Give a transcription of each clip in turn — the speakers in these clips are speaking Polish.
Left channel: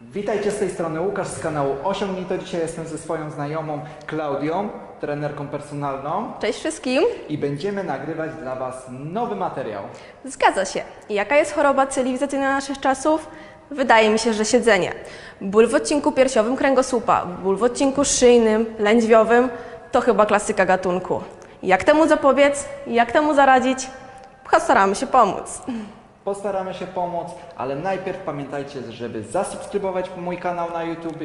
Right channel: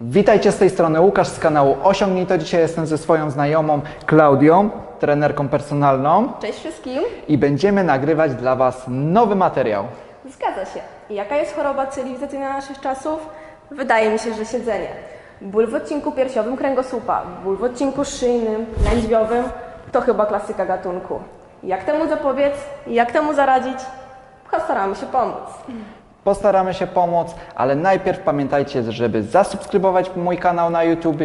Witajcie z tej strony Łukasz z kanału Osiągnij to. Dzisiaj jestem ze swoją znajomą Klaudią, trenerką personalną Cześć wszystkim. i będziemy nagrywać dla Was nowy materiał. Zgadza się. Jaka jest choroba cywilizacyjna naszych czasów? Wydaje mi się, że siedzenie. Ból w odcinku piersiowym kręgosłupa, ból w odcinku szyjnym, lędźwiowym to chyba klasyka gatunku. Jak temu zapobiec? Jak temu zaradzić? Postaramy się pomóc. Postaramy się pomóc, ale najpierw pamiętajcie, żeby zasubskrybować mój kanał na YouTube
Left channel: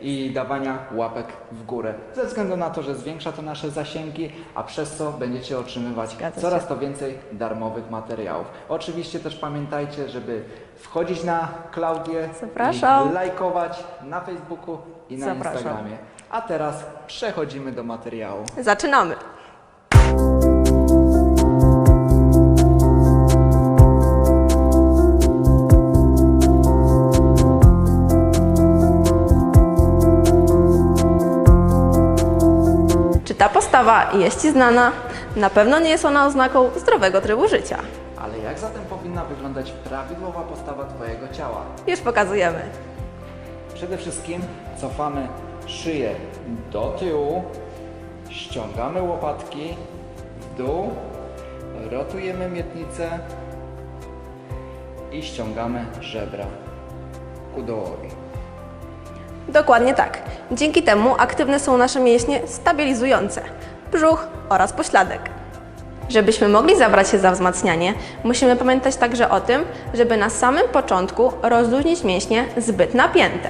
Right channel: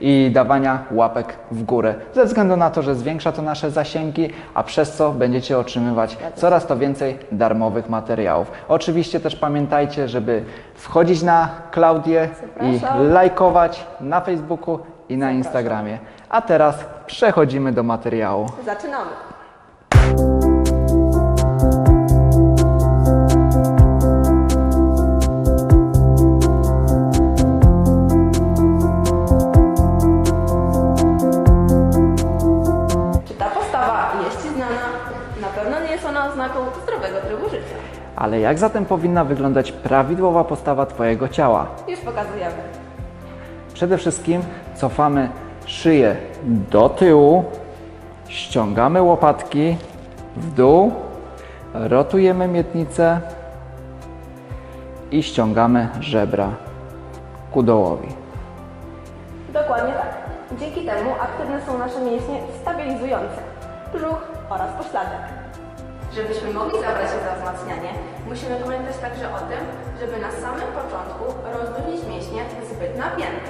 i dawania łapek w górę. Ze względu na to, że zwiększa to nasze zasięgi, a przez co będziecie otrzymywać coraz to więcej darmowych materiałów. Oczywiście też pamiętajcie, żeby wchodzić na Klaudię Zapraszam. i lajkować na Facebooku i na Zapraszam. Instagramie. A teraz przechodzimy do materiału. Zaczynamy. Jest Ci znana? Na pewno nie jest ona oznaką zdrowego trybu życia. Ale jak zatem powinna wyglądać prawidłowa postawa Twojego ciała? Już pokazujemy. Przede wszystkim cofamy szyję do tyłu, ściągamy łopatki w dół, rotujemy miednicę i ściągamy żebra ku dołowi. Dokładnie tak. Dzięki temu aktywne są nasze mięśnie stabilizujące brzuch oraz pośladek. Żebyśmy mogli zabrać się za wzmacnianie, musimy pamiętać także o tym, żeby na samym początku rozluźnić mięśnie zbyt napięte.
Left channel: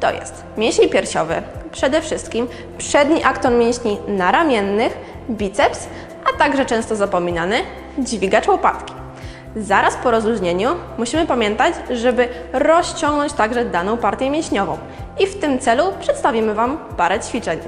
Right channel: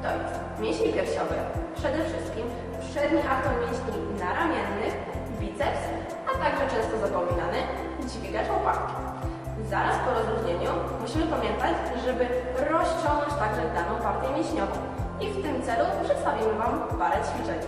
To jest mięsień piersiowy, przede wszystkim przedni akton mięśni naramiennych, biceps, a także często zapominany dźwigacz łopatki. Zaraz po rozluźnieniu musimy pamiętać, żeby rozciągnąć także daną partię mięśniową. I w tym celu przedstawimy Wam parę ćwiczeń.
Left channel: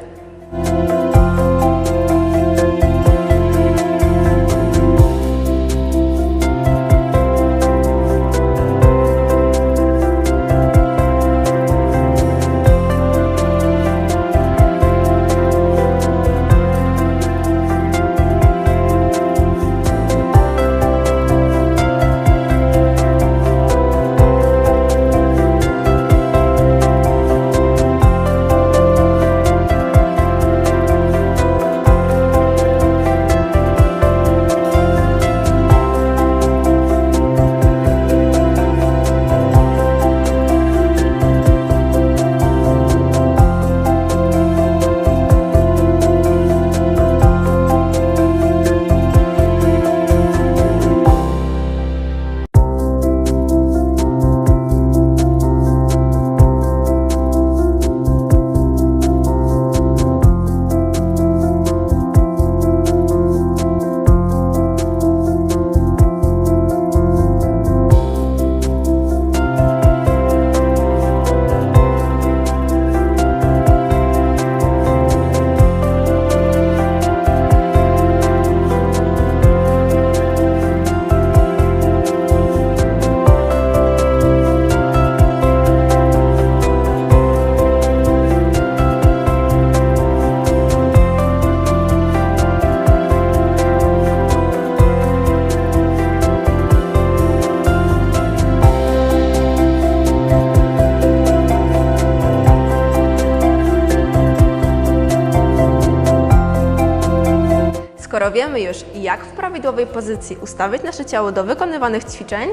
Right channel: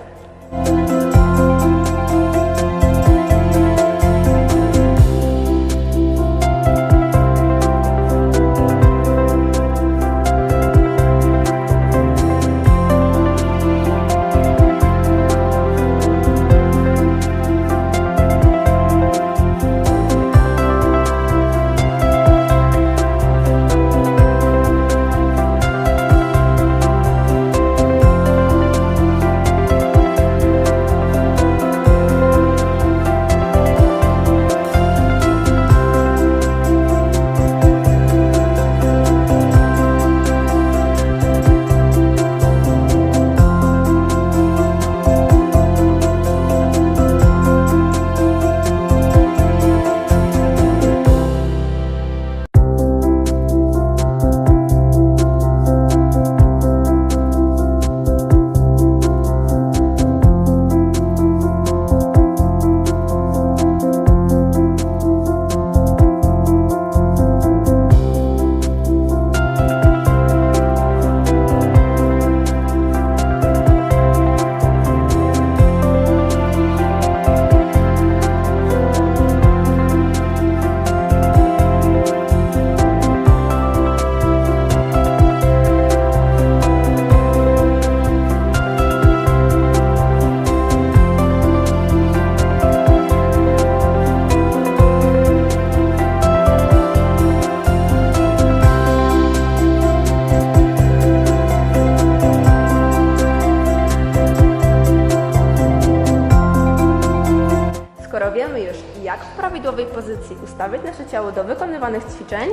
Pozycji ustawić nasze ciało do wykonywanych ćwiczeń,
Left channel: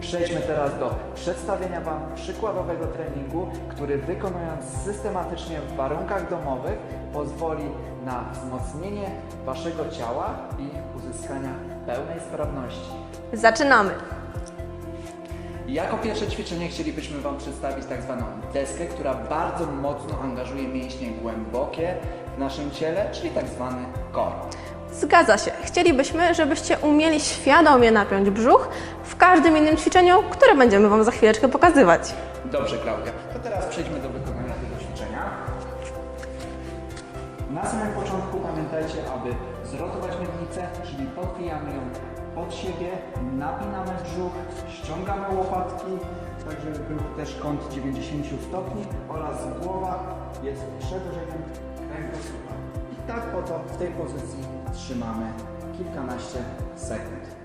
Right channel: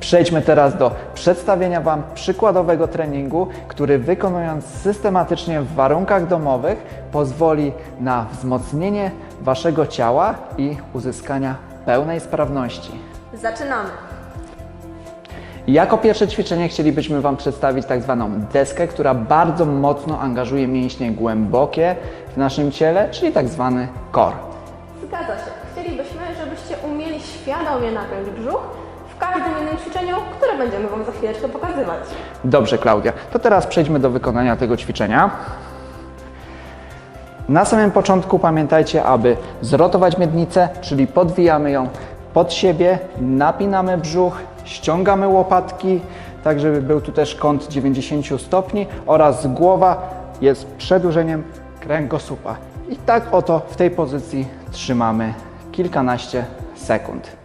Przejdźmy teraz do przedstawienia Wam przykładowego treningu, który wykonując systematycznie w warunkach domowych pozwoli na wzmocnienie Waszego ciała i uzyskania pełnej sprawności. zaczynamy. Jako pierwsze ćwiczenie chcielibyśmy Wam przedstawić tak zwaną deskę, która bardzo mocno angażuje mięśnie głębokie w naszym ciele, czyli tak zwany core. Zgadza się. Chcielibyśmy, żebyście umieli świadomie napiąć brzuch w każdym innym ćwiczeniu, które będziemy Wam za chwileczkę pokazywać. Dobrze, Klaudia. To teraz przejdźmy do wykonania tego ćwiczenia. Na samym początku pamiętajcie, aby zrotować miednicę, czyli podwijamy ją pod siebie, napinamy brzuch, ściągamy łopatki, tak żeby był tu też kąt 90 stopni oraz głowa jest przedłużeniem kręgosłupa. I tak oto w tej pozycji trzymamy kilkanaście sekund.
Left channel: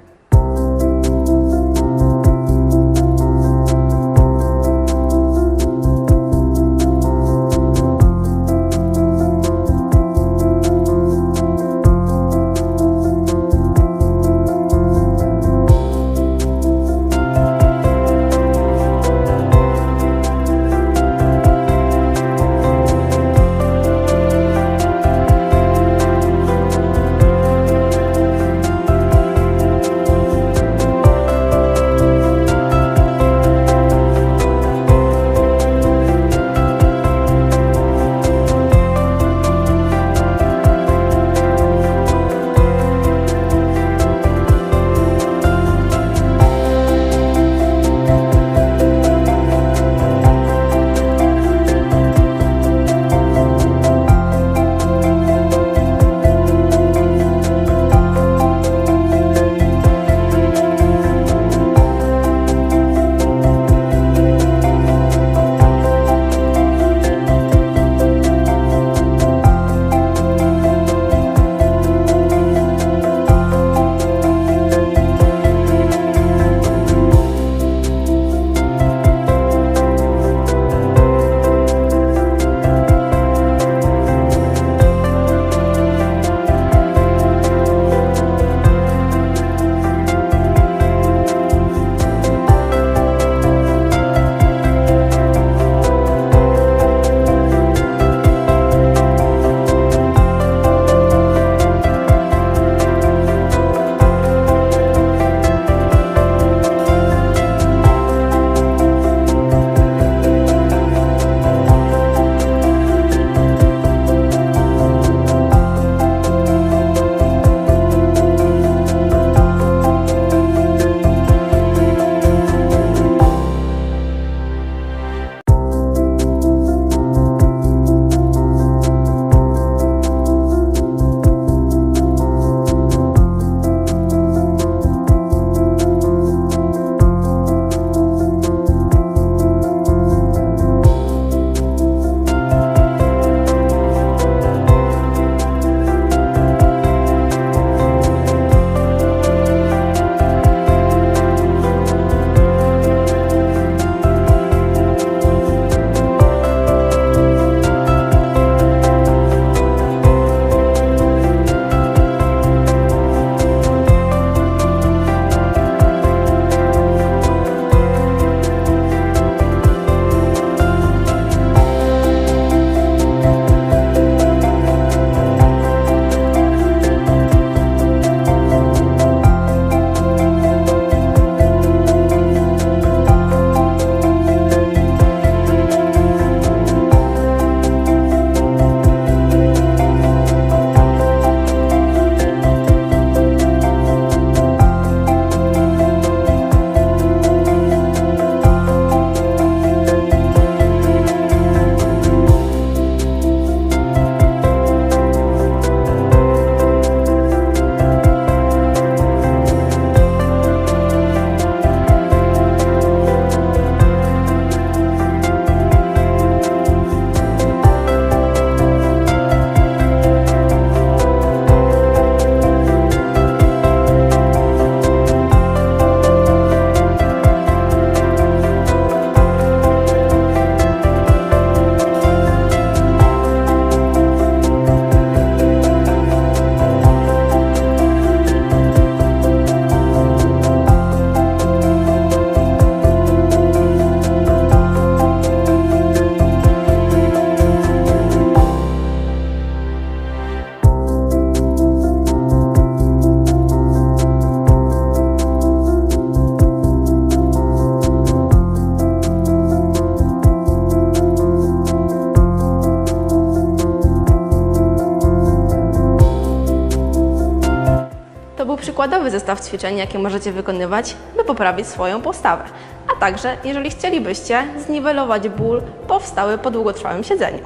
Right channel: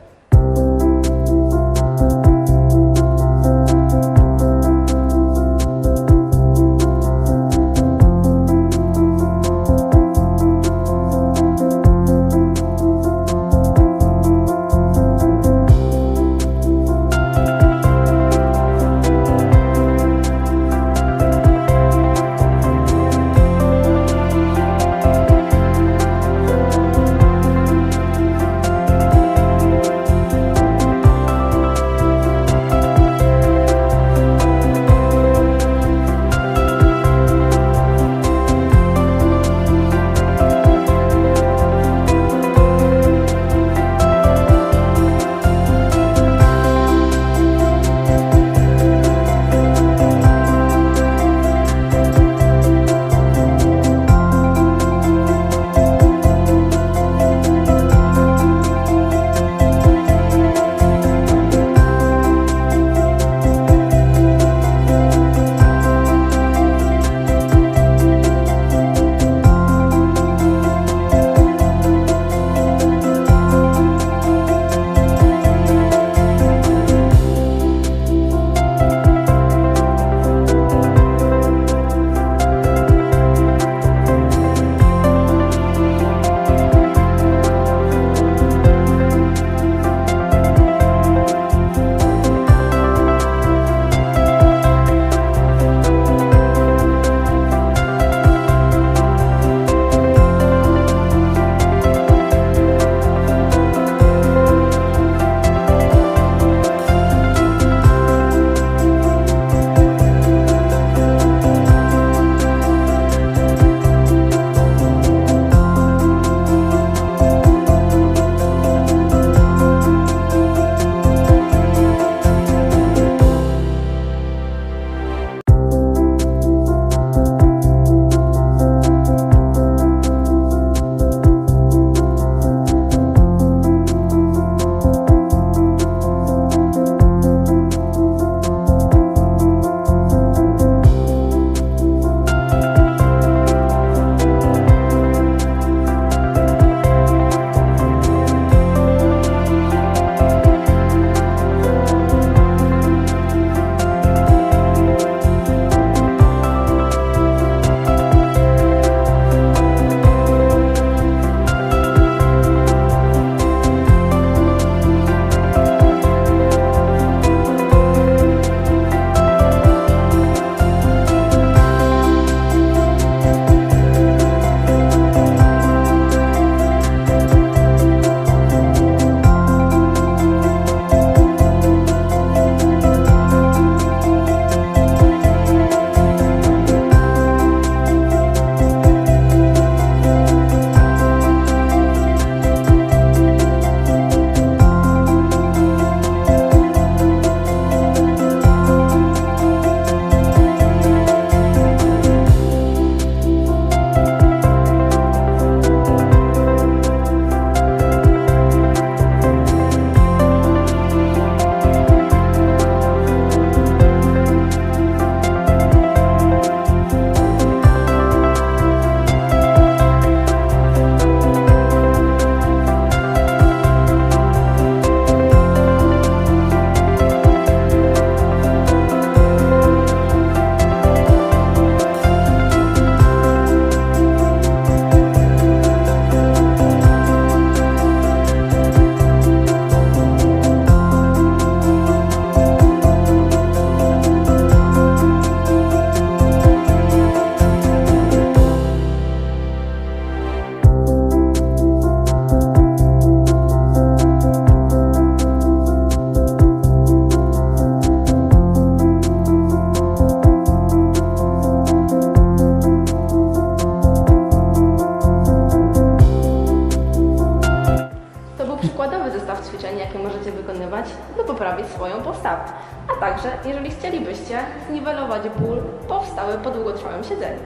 Ćwiczeń, jakie możecie wykonywać, by poprawić swoją postawę. A także, jeżeli chcielibyście zniwelować ból powstały po długotrwałym siedzeniu.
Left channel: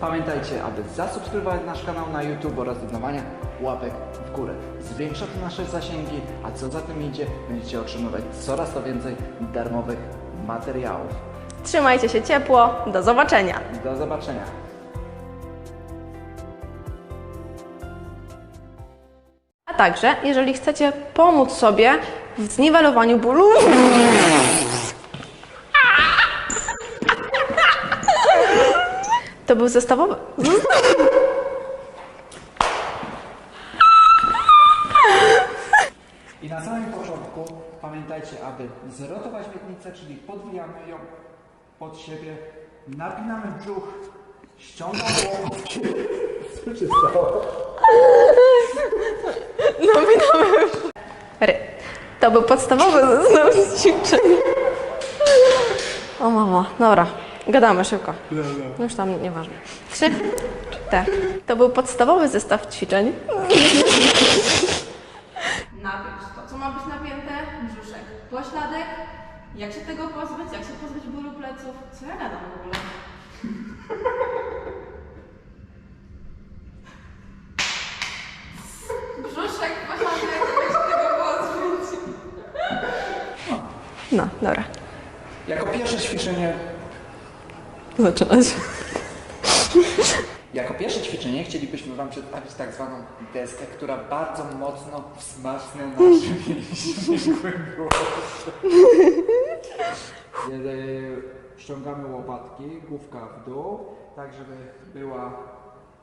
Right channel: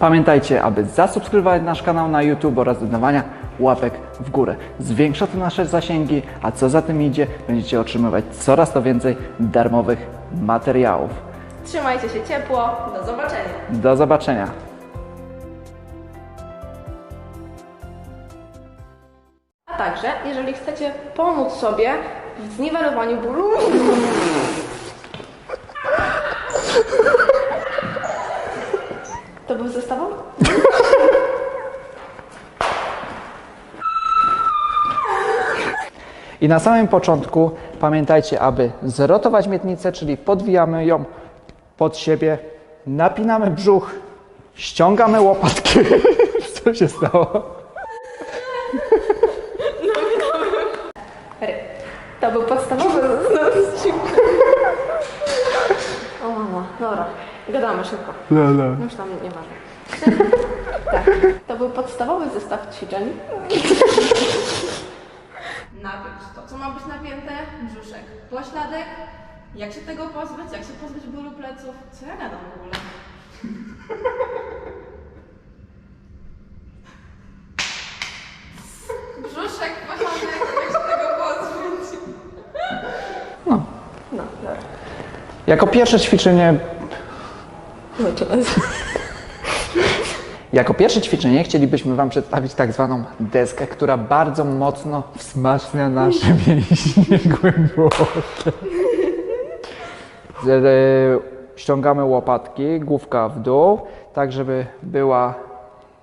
Pamiętajcie, aby zasubskrybować nasz kanał na YouTube oraz dodawania łapek w górę. Zwiększa to nasze zasięgi, a co za tym idzie, będziecie otrzymywać coraz to więcej darmowych materiałów. Trzymajcie się ciepło, do zobaczenia! Do zobaczenia. Także, jeżeli chcecie pomóc sobie w zniwelowaniu bólu, to był zestawowy. I na samym początku pamiętajcie, aby zrotować miednicę, czyli podwijamy ją pod siebie, napinamy brzuch, ściągamy łopatki. Co się stało? To był podstawowy zestaw ćwiczeń. O mamo, dobra, gadamy szybko. Już tam nieważne. Krzyk. Tak. To był podstawowy zestaw ćwiczeń. Napiąć to, co ma być napięte, brzuszek, pośladek. Jak się tego pozbyć? Jak się pozbyć bólu pleców? Co ja gadam w ogóle? Brzuszek, pośladek, jak się tego pozbyć? No, dobra. Jako pierwsze ćwiczenie Zaczynać. Jako pierwsze ćwiczenie chcielibyśmy Wam przedstawić tak zwaną deskę, która bardzo mocno wzmacnia nasze mięśnie głębokie. Ściągamy łopatki, główka w dół, tak żeby była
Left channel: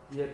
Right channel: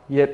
je...